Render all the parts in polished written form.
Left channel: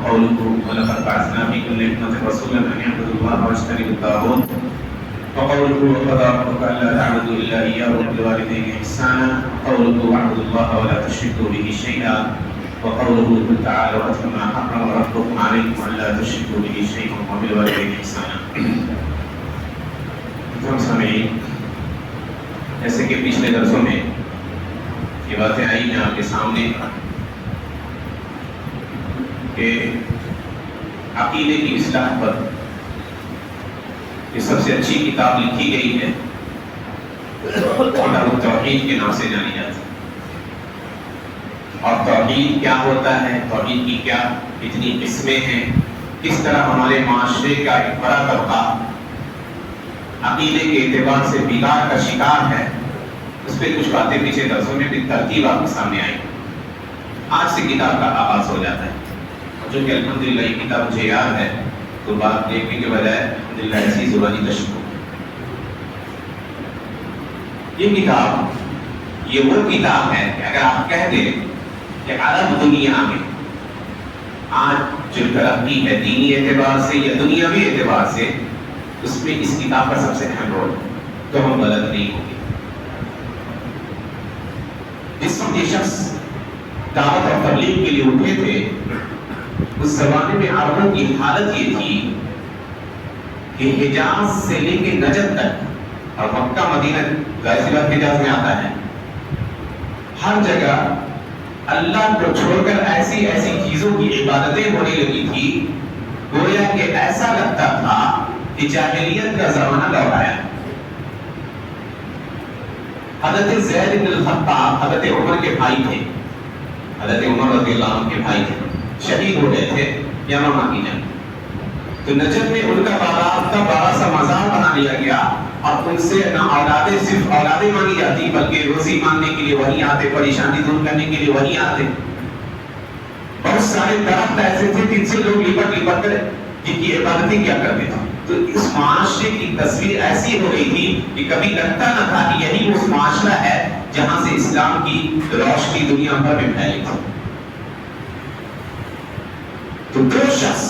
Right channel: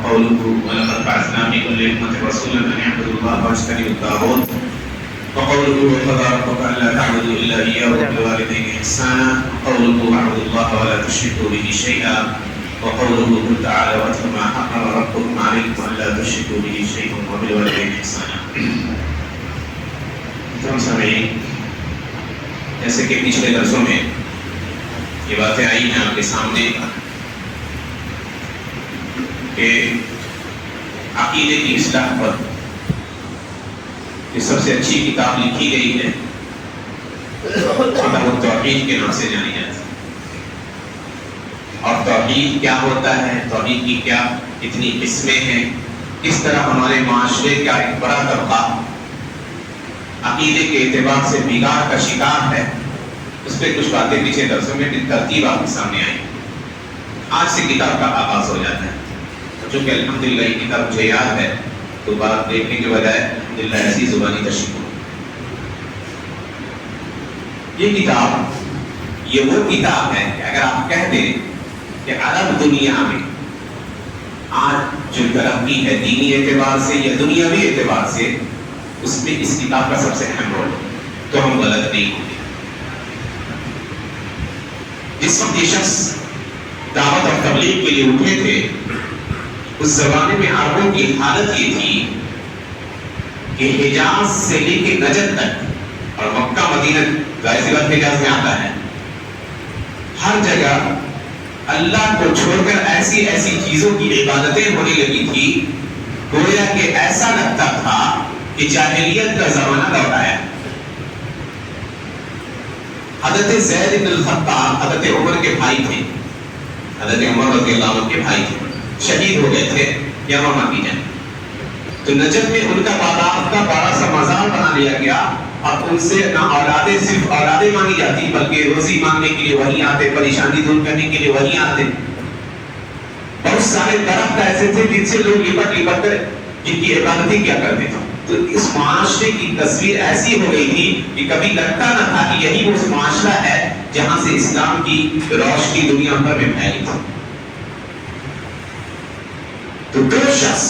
وقوله ولقد بعثنا في كل أمة رسولا أن اعبدوا الله واجتنبوا الطاغوت وقوله وقضى ربك ألا تعبدوا إلا إياه وبالوالدين إحسانا وقوله واعبدوا الله ولا تشركوا به شيئا وقوله قل تعالوا واتل ما حرم ربكم عليكم ألا تشركوا به شيئا وبالوالدين إحسانا. جیسے کہ پچھلے درسوں میں یہ باتیں آئی ہیں آپ کے سامنے کہ عقیدے کی اصلاح پر یہ سب سے اچھی کتاب لکھی گئی ہے کتاب التوحید کے نام سے جانی جاتی ہے. اور توحید کیا ہوتا ہے، توحید کی کیا اتنی قسمیں ہیں، کس طرح ہمارے معاشرے کا ایک بڑا طبقہ عقیدے کے اعتبار سے بگاڑ کا شکار ہے، اس پہ کچھ باتیں پیچھے درسوں میں بالترتیب آپ کے سامنے آئی. آج سے کتاب کا آغاز ہو جاتا ہے. چونکہ الحمدللہ یہ کتاب مجھے یاد ہے تو بات دیکھنے کے بجائے الحمدللہ ایسی زبانی تشریح. یہ کتاب یہ وہ کتاب ہے کہ اگر آپ کہہ دیں کہ عرب دنیا میں آج جو ترقی ہے دینی اعتبار سے یا دنیاوی اعتبار سے، اس میں اس کتاب کا سب سے اہم رول، تو ہم غلط نہیں ہوں گے. جس وقت یہ شخص دعوت اور تبلیغ کے لیے اٹھے تھے، اس زمانے میں عربوں کی حالت یہ تھی کہ حجاز سے لے کے نجد تک، اور مکہ مدینہ ظاہر سی بات حجاز میں آتا ہے، ہر جگہ اللہ کو چھوڑ کر ایسی ایسی چیزوں کی عبادتیں ہونے لگی تھی گویا کہ ایسا لگتا تھا کہ جاہلیت کا زمانہ لوٹ آیا. حضرت زید بن الخطاب حضرت عمر کے بھائی تھے، حضرت عمر رضی اللہ عنہ کے بھائی تھے، شہید ہو گئے تھے یمامہ کی جنگ. تو نجد میں ان کا تعداد کا بڑا سا مزار بنا لیا گیا. اب ان سے نہ اولادیں صرف اولادیں مانگی جاتی بلکہ روزی مانگنے کے لیے وہیں آتے، پریشانی دور کرنے کے لیے وہیں آتے. بہت سارے درخت ایسے تھے جن سے لوگ لپٹ لپٹ کر جن کی عبادتیں کیا کرتے تھے. تو اس معاشرے کی تصویر ایسی ہو گئی تھی کہ کبھی لگتا نہ تھا کہ یہی وہ معاشرہ ہے جہاں سے اسلام کی روشنی دنیا بھر میں پھیلی تھی. تو دو شخص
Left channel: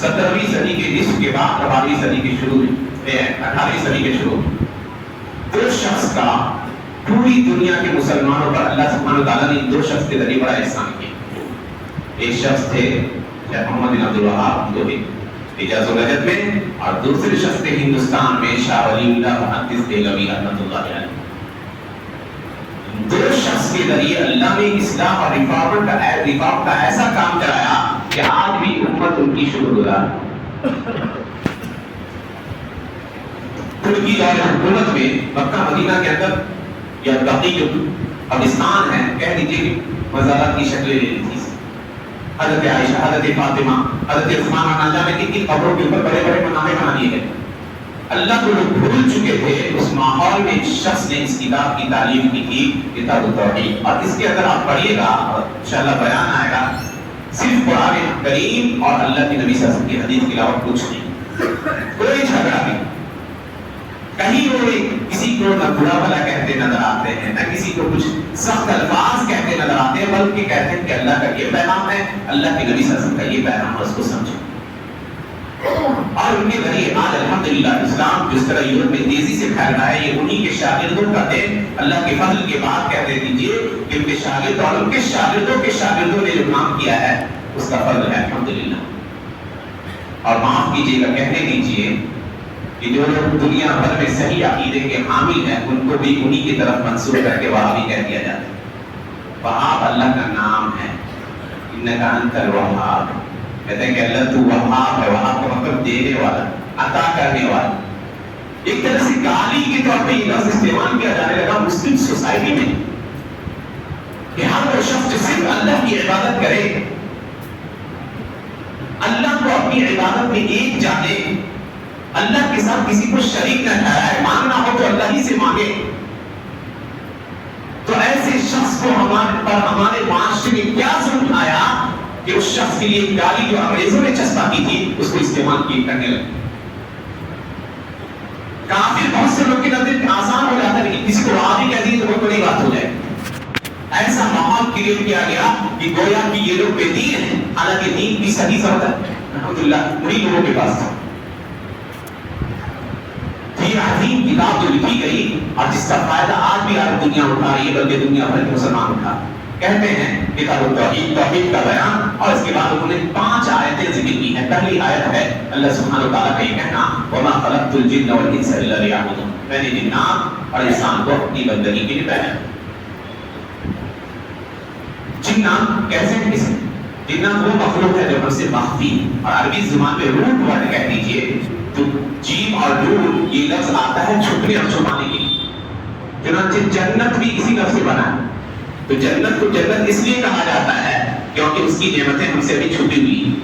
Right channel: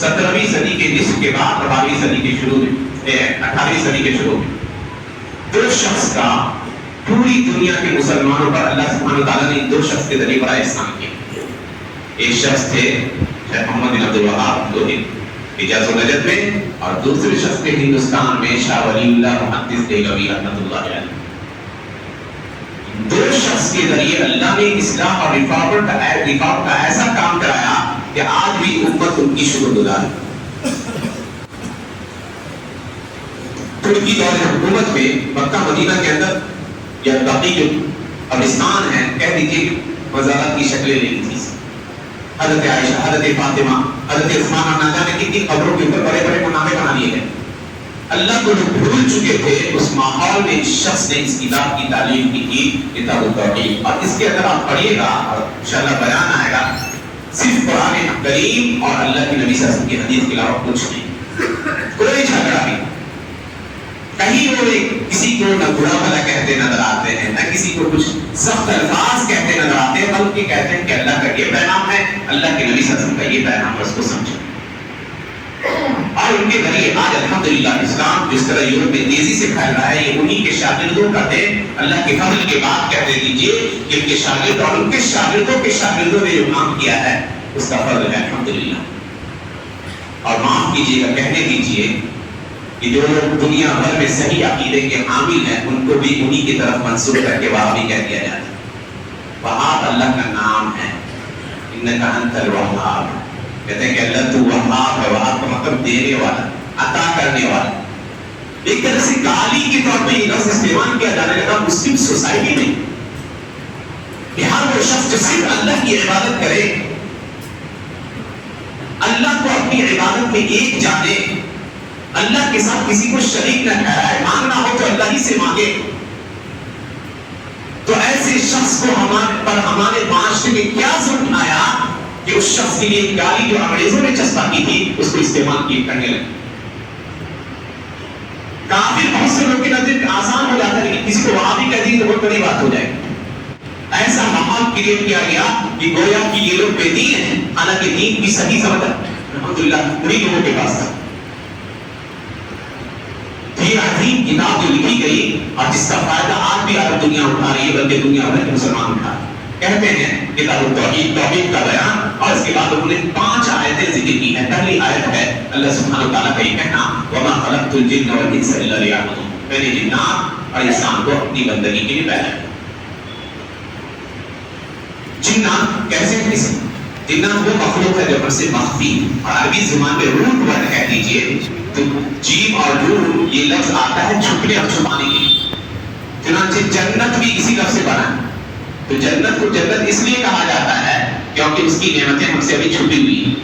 17ویں صدی کے نصف کے بعد 18ویں صدی کے شروع میں 18ویں صدی کے شروع میں دو شخص کا پوری دنیا کے مسلمانوں پر اللہ سبحانہ تعالیٰ نے دو شخص کے ذریعے بڑا احسان کیا. ایک شخص تھے شیخ محمد بن عبد الوہاب جو حجاز و نجد میں، اور دوسرے شخص تھے ہندوستان میں شاہ ولی اللہ محدث دہلوی رحمۃ اللہ علیہ. دو شخص کے ذریعے اللہ نے اصلاح اور رفاقت کا ایسا کام کرایا کہ آج بھی امت ان کی شکر گزار. ترکی دور حکومت میں مکہ مدینہ کے اندر یا باقی جو قبرستان ہے کہہ دیجیے مزارات کی شکلیں لے لی تھی. حضرت عائشہ، حضرت فاطمہ، حضرت عثمان اور نہ جانے کتنی قبروں کے اوپر بڑے بڑے منامے بنا لیے گئے. اللہ کو لوگ بھول چکے تھے. اس ماحول میں اس شخص نے اس کتاب کی تعلیم کی تھی، کتاب التوحید. اور اس کے اندر آپ پڑھیے گا اور انشاءاللہ بیان آئے گا، صرف قرآن کریم اور اللہ کی نبی صلی اللہ علیہ وسلم کی حدیث کے علاوہ کچھ نہیں، کوئی جھگڑا نہیں. کہیں وہ کسی کو نہ برا بھلا کہتے نظر آتے ہیں، نہ کسی کو کچھ سخت الفاظ کہتے نظر آتے ہیں، بلکہ کہتے ہیں کہ اللہ کا یہ پیغام ہے، اللہ کے نبی صلی اللہ علیہ وسلم کا یہ پیغام ہے، اس کو سمجھو. اور ان کے ذریعے آج الحمدللہ اسلام جس طرح یورپ میں تیزی سے پھیل رہا ہے، یہ انہی کے شاگردوں کا دے. اللہ کے فضل کے بعد کہتے دیجئے کہ ان کے شاگرد اور ان کے شاگردوں کے شاگردوں نے جو کام کیا ہے اس کا فضل ہے الحمدللہ. اور معاف کیجیے گا، کہنے دیجئے کہ جو لوگ دنیا بھر میں صحیح عقیدے کے حامل ہیں ان کو بھی انہی کی طرف منسوب کر کے وہابی کہہ دیا جاتا ہے. وہاب اللہ کا نام ہے، انک انت الوہاب. کہتے ہیں کہ اللہ تو وہاب ہے. وہاب کا مطلب دینے والا، عطا کرنے والا. ایک طرح سے گالی کے طور پہ یہ لفظ استعمال کیا جانے لگا مسلم سوسائٹی میں کہ ہر وہ شخص جو صرف اللہ کی عبادت کرے، اللہ کو اپنی عبادت میں ایک جانے، اللہ کے ساتھ کسی کو شریک نہ ٹھہرائے، مانگنا ہو تو اللہ ہی سے مانگے، تو ایسے شخص کو ہمارے معاشرے میں کیا ظلم آیا کہ اس شخص کے لیے گالی جو انگریزوں نے چسپاں کی تھی اس کو استعمال کیے کرنے لگے. کافی بہت سے لوگ کے نظر آسان ہو جاتا ہے، لیکن کسی کو وہابی کہہ دی تو بہت بڑی بات ہو جائے. ایسا ماحول کریٹ کیا گیا کہ گویا کہ یہ لوگ بے دین ہیں، حالانکہ دین بھی صحیح سمجھا الحمدللہ انہیں لوگوں کے پاس تھا۔ یہ عظیم کتاب جو لکھی گئی اور جس کا فائدہ آج بھی عرب دنیا اٹھا رہی ہے، بلکہ دنیا بھر کے مسلمان اٹھا کہتے ہیں کتاب التوحید، توحید کا بیان، اور اس کے بعد انہوں نے 5 آیتیں ذکر کی ہیں۔ پہلی آیت ہے اللہ سبحانہ و تعالیٰ کا یہ کہنا وَمَا خَلَقْتُ الْجِنَّ وَالْإِنسَ إِلَّا لِيَعْبُدُونِ، میں نے جنات اور انسان کو اپنی بندگی کے لیے پیدا کیا۔ جنات کیسے کسی جنات وہ مخلوق ہے جو ہم سے مخفی، اور عربی زبان میں روح ورڈ کہہ دیجئے تو جیم اور روح یہ لفظ آتا ہے چھپنے اور چھپانے کے لیے۔ چنانچہ جنت بھی اسی لفظ سے بنا ہے، تو جنت کو جنت اس لیے کہا جاتا ہے کیونکہ اس کی نعمتیں ہم سے ابھی چھپی ہوئی ہیں۔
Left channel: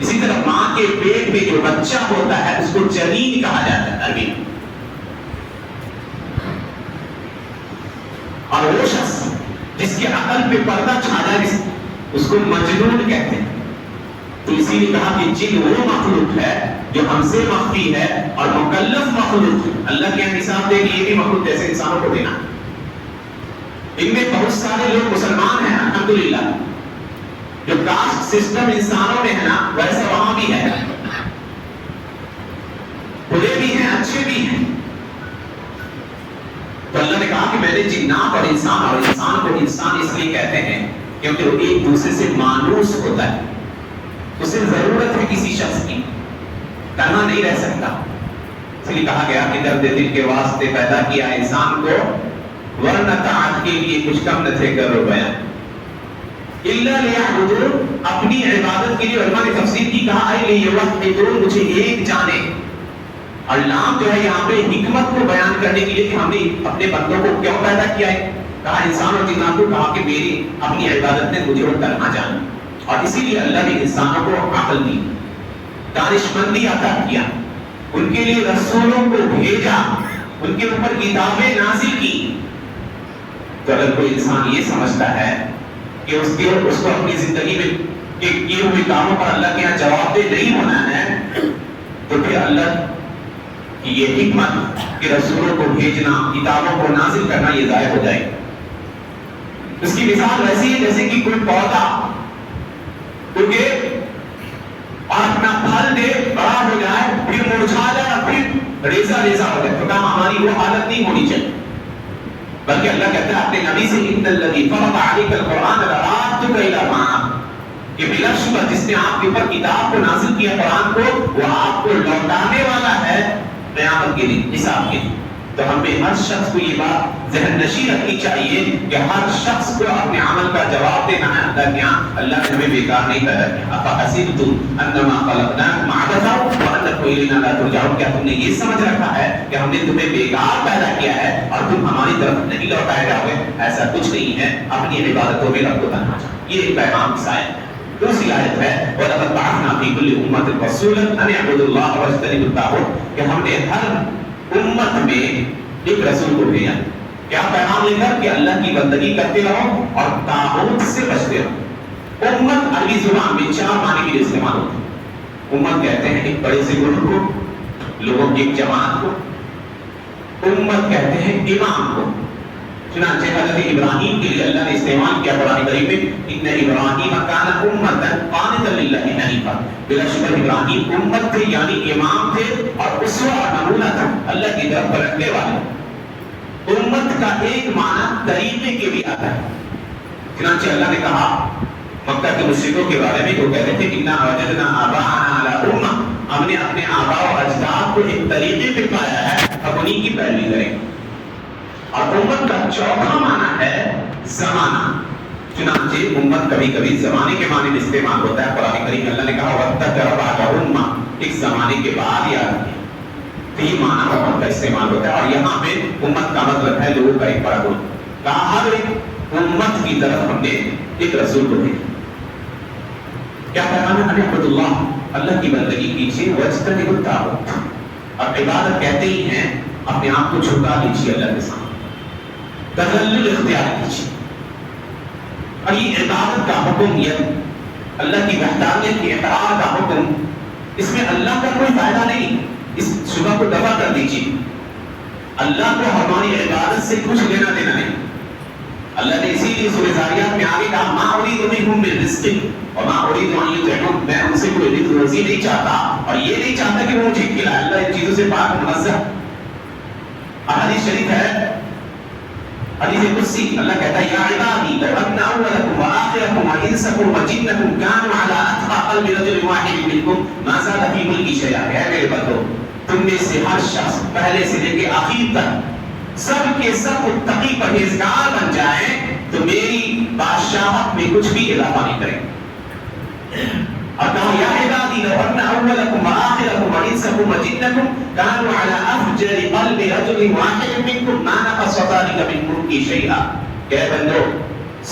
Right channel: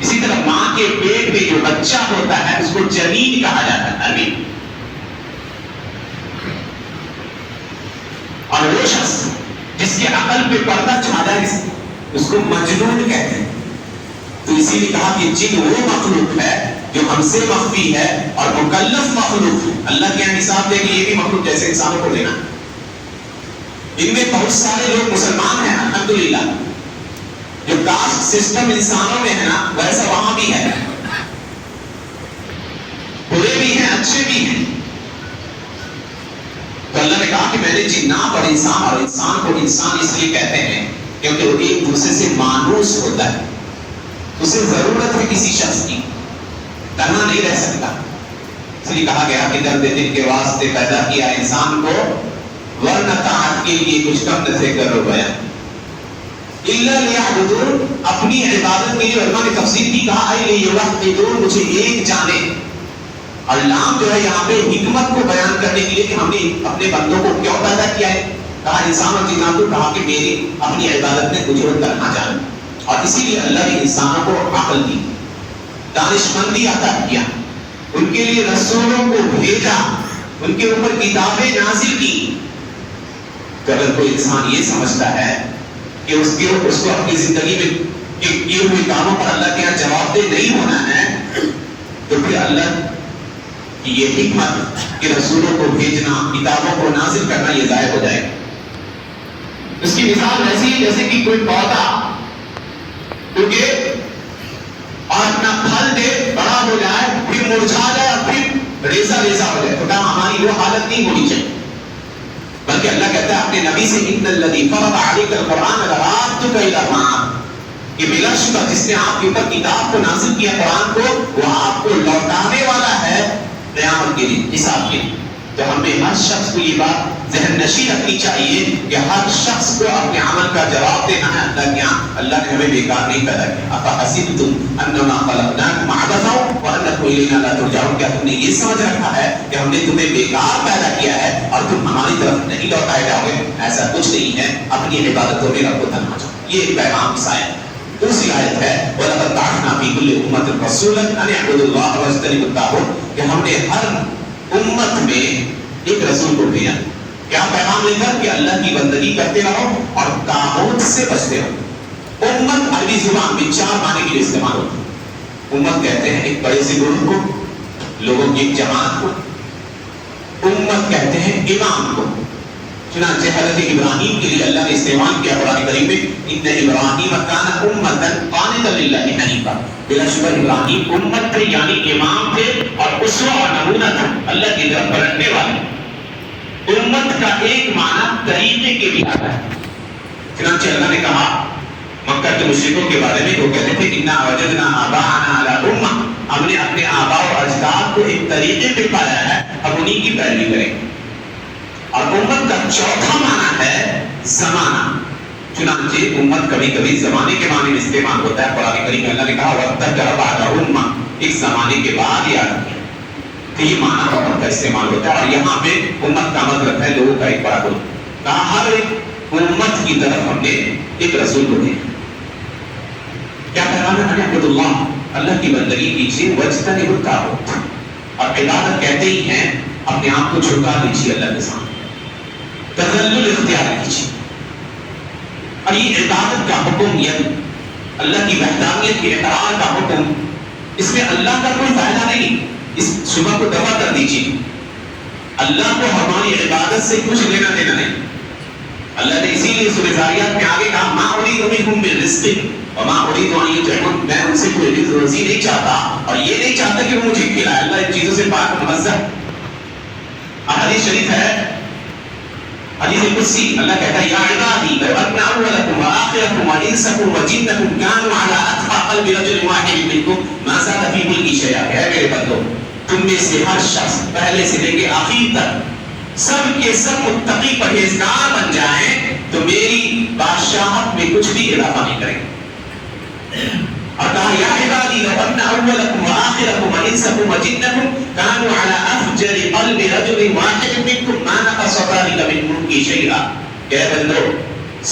اسی طرح ماں کے پیٹ میں جو بچہ ہوتا ہے اس کو جنین کہا جاتا ہے عربی، اور وہ شخص جس کے عقل پہ پردہ چھا جائے اس کو مجنون کہتے ہیں۔ تو اسی لیے کہا کہ جن وہ مخلوق ہے جو ہم سے مخفی ہے اور مکلف مخلوق، اللہ کے یہاں حساب دے کہ یہ بھی مخلوق جیسے انسانوں کو دینا۔ ان میں بہت سارے لوگ مسلمان ہیں الحمدللہ، جو کاسٹ سسٹم انسانوں میں ہے نا ویسا وہاں بھی ہے، برے بھی ہیں اچھے بھی ہیں۔ تو اللہ نے کہا کہ میں نے جنات اور انسان کو انسان اس لیے کہتے ہیں کیونکہ وہ ایک دوسرے سے مانوس ہوتا ہے، اسے ضرورت ہے کسی شخص کی، تنہا نہیں رہ سکتا۔ اس لیے کہا گیا کہ درد دل کے واسطے پیدا کیا انسان کو، ورنہ طاعت کے لیے کچھ کم نہ تھے کر ہو گیا۔ الا لیعبدون، اپنی عبادت کے لیے علماء نے تفسیر کی کہا اے لیوحدون، مجھے ایک جانے۔ اللہ جو ہے یہاں پہ حکمت کو بیان کرنے کے لیے کہ ہم نے اپنے بندوں کو کیوں پیدا کیا ہے، کہا انسان اور جنات کو، کہا کہ میری اپنی عبادت میں مجھے وہ تنہا جانا، اور اسی لیے اللہ نے انسانوں کو عقل دی، دانشمندی عطا کیا، ان کے لیے رسولوں کو بھیجا، ان کے اوپر کتابیں نازل کی۔ تو اگر کوئی انسان یہ سمجھتا ہے کہ اس کو اپنی زندگی میں کیے ہوئے کاموں پر اللہ کے یہاں جواب دہ نہیں ہونا ہے، تو پھر اللہ کی یہ حکمت کہ رسولوں کو بھیجنا، کتابوں کو نازل کرنا، یہ ضائع ہو جائے گا۔ اس کی مثال ایسی ہے جیسے کہ کوئی پودا کیونکہ اپنا پھل دے، بڑا ہو جائے، پھر مرجھا جائے اور پھر ریزہ ریزہ ہو جائے، تو کہا ہماری وہ حالت نہیں ہونی چاہیے، بلکہ اللہ کہتا ہے اپنے نبی سے ان الذی فرض علیک القرآن لآتک الی المعاد، یہ بلا شبہ جس نے آپ کے اوپر کتاب کو نازل کیا قرآن کو، وہ آپ کو لوٹانے والا ہے قیامت کے دن، حساب کے دن۔ تو ہمیں ہر شخص کو یہ بات ذہن نشین رکھنی چاہیے کہ ہر شخص کو اپنے عمل کا جواب دینا ہے اللہ کے یہاں۔ اللہ نے ہمیں بیکار نہیں پیدا کیا۔ افحسبتم انما خلقناکم عبثا وانکم الینا لا ترجعون، کیا تم نے یہ سمجھ رکھا ہے کہ ہم نے تمہیں بیکار پیدا کیا ہے اور تم ہماری طرف نہیں لوٹائے جاؤ گے؟ ایسا کچھ نہیں ہے، اپنی عبادتوں میں رب کو تنہا جاؤ۔ یہ ایک پیغام کی آیت ہے۔ دوسری آیت ہے وَلَقَدْ بَعَثْنَا فِي كُلِّ أُمَّةٍ رَسُولًا أَنِ اعْبُدُوا اللَّهَ وَاجْتَنِبُوا الطَّاغُوتَ، کہ ہم نے ہر امت میں ایک رسول کو بھیجا، کیا پیغام لے کر کہ اللہ کی بندگی کرتے رہو اور طاغوت سے بچتے رہو۔ امت عربی زبان میں 4 معنی کے لیے استعمال ہوتی ہے۔ امت کہتے ہیں ایک بڑے سے گروہ کو، لوگوں کی ایک جماعت کو۔ امت کہتے ہیں امام کو۔ چنانچہ حضرت ابراہیم کے لیے اللہ نے استعمال کیا قرآن کریم میں ان ابراہیم کان امۃ قانتا للہ حنیفا، بلا شبہ ابراہیم امت تھے یعنی امام تھے اور اسوہ اور نمونہ تھا، اللہ کی طرف پلٹنے والے۔ امت کا ایک معنی طریقے کے بھی آتا ہے۔ چنانچہ اللہ نے کہا مکہ کے مشرکوں کے بارے میں، وہ کہتے تھے انا وجدنا آباءنا علی امہ، ہم نے اپنے آباء و اجداد کو ایک طریقے پہ پایا ہے، ہم انہی کی پیروی کریں گے۔ اور امت کا چوتھا معنی ہے زمانہ۔ چنانچہ امت کبھی کبھی زمانے کے معنی میں استعمال ہوتا ہے۔ قرآن کریم میں اللہ نے کہا وَاتَّقَ رَبَعَ امہ، ایک زمانے کے بعد یاد کیا، تو یہ معنی امت کا استعمال ہوتا ہے۔ اور یہاں پہ امت کا مطلب ہے لوگوں کا ایک بڑا گروہ، کہا ہر ایک امت کی طرف ہم نے ایک رسول کو بھیجا۔ کیا پیغام ہے؟ اعبد اللہ، اللہ کی بندگی کیجیے، واجتنبوا الطاغوت، اور عبادت کہتے ہی ہیں اپنے آپ کو جھکا دیجیے اللہ کے سامنے، تذلل اختیار کیجیے۔ اور یہ عبادت کا حکم، یہ اللہ کی وحدانیت کے اقرار کا حکم، اس میں اللہ کا کوئی فائدہ نہیں، اس شبہ کو دفع کر دیجیے۔ اللہ کو ہماری عبادت سے کچھ لینا دینا نہیں، اللہ نے اسی لیے سورہ ذاریات میں آگے کہا ما اريد منهم من رزق وما اريد ان يطعمون، میں ان سے کوئی رزق روزی نہیں چاہتا اور یہ نہیں چاہتا کہ وہ مجھے کھلائے. اللہ ان چیزوں سے پاک منزہ. حدیث شریف ہے، حدیث قدسی، اللہ کہتا ہے یا عبادی لو ان اولکم واخرکم وانسکم وجنکم كانوا على اتقى قلب رجل واحد منکم ما زاد في ملکی شیئا. اے میرے بندو، تم میں سے ہر شخص پہلے سے لے کے آخر تک سب کے سب متقی پرہیزگار بن جائیں تو میری بادشاہت میں کچھ بھی اضافہ نہیں کریں گے. اور کہا یا عبادی لو ان اولکم واخرکم وانسکم وجنکم كانوا على افجر قلب رجل واحد منکم ما نقص ذلك من ملکی شیئا. کہ بندو،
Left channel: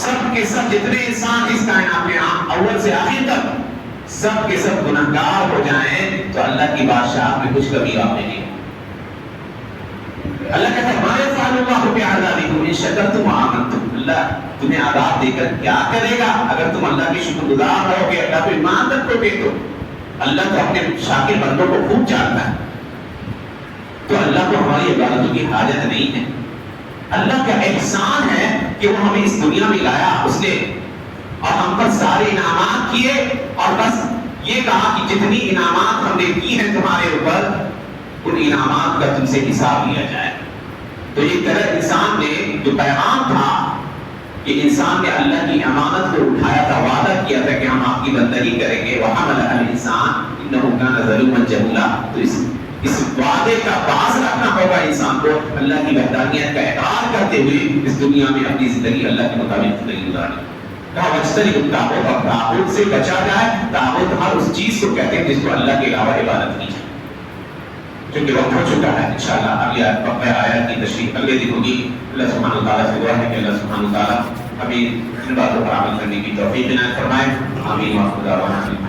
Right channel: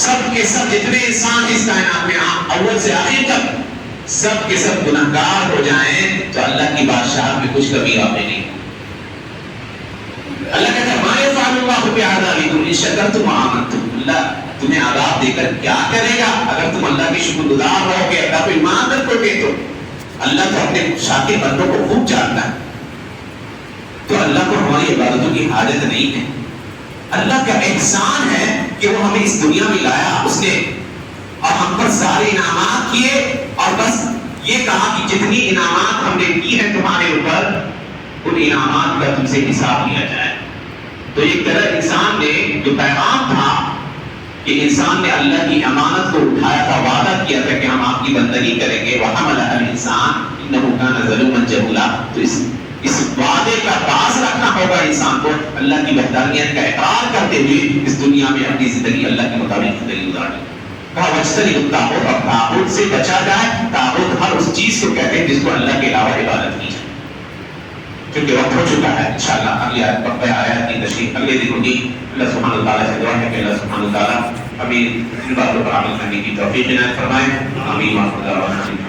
سب کے سب جتنے انسان اس کائنات میں اول سے آخر تک سب کے سب گنہگار ہو جائیں تو اللہ کی بادشاہت میں کچھ کمی باقی نہیں. اللہ کہتا ہے ما يفعل الله بعذابكم ان شكرتم وآمنتم. اللہ تمہیں عذاب دے کر کیا کرے گا اگر تم اللہ کے شکر گزار رہو گے، اللہ پہ ایمان رکھو گے. تو اللہ تو اپنے شاکر بندوں کو خوب جانتا ہے، تو اللہ کو ہماری عبادتوں کی حاجت نہیں ہے. اللہ کا احسان ہے کہ وہ ہمیں اس دنیا میں لایا اس نے، اور ہم پر سارے انعامات کیے، اور بس یہ کہا کہ جتنی انعامات ہم نے کی ہیں تمہارے اوپر ان انعامات کا تم سے حساب لیا جائے. تو ایک طرح انسان نے جو پیغام تھا کہ انسان نے اللہ کی امانت کو اٹھایا تھا، وعدہ کیا تھا کہ ہم آپ کی بندگی کریں گے. وَحَمَلَهَا الْإِنسَانُ إِنَّهُ كَانَ ظَلُومًا جَهُولًا. تو اس وعدے کا باز رکھنا ہوگا انسان کو، اللہ کی وحدانیت کا اقرار کرتے ہوئے اس دنیا میں اپنی زندگی اللہ کے مطابق زندگی گزارنا. کہا وَاجْتَنِبُ الطَّاغُوتَ، اور طاغوت سے بچا جائے. طاغوت ہر اس چیز کو کہتے ہیں جس کو اللہ کے علاوہ عبادت کی جائے. کیونکہ وقت ہو چکا ہے، انشاءاللہ اگلی آیات کی تشریح اگلے دن ہوگی. اللہ سبحانہ وتعالیٰ سے دعا ہے کہ اللہ سبحانہ وتعالیٰ ہمیں ان باتوں پر عمل کرنے کی توفیق عنایت فرمائے. آمین.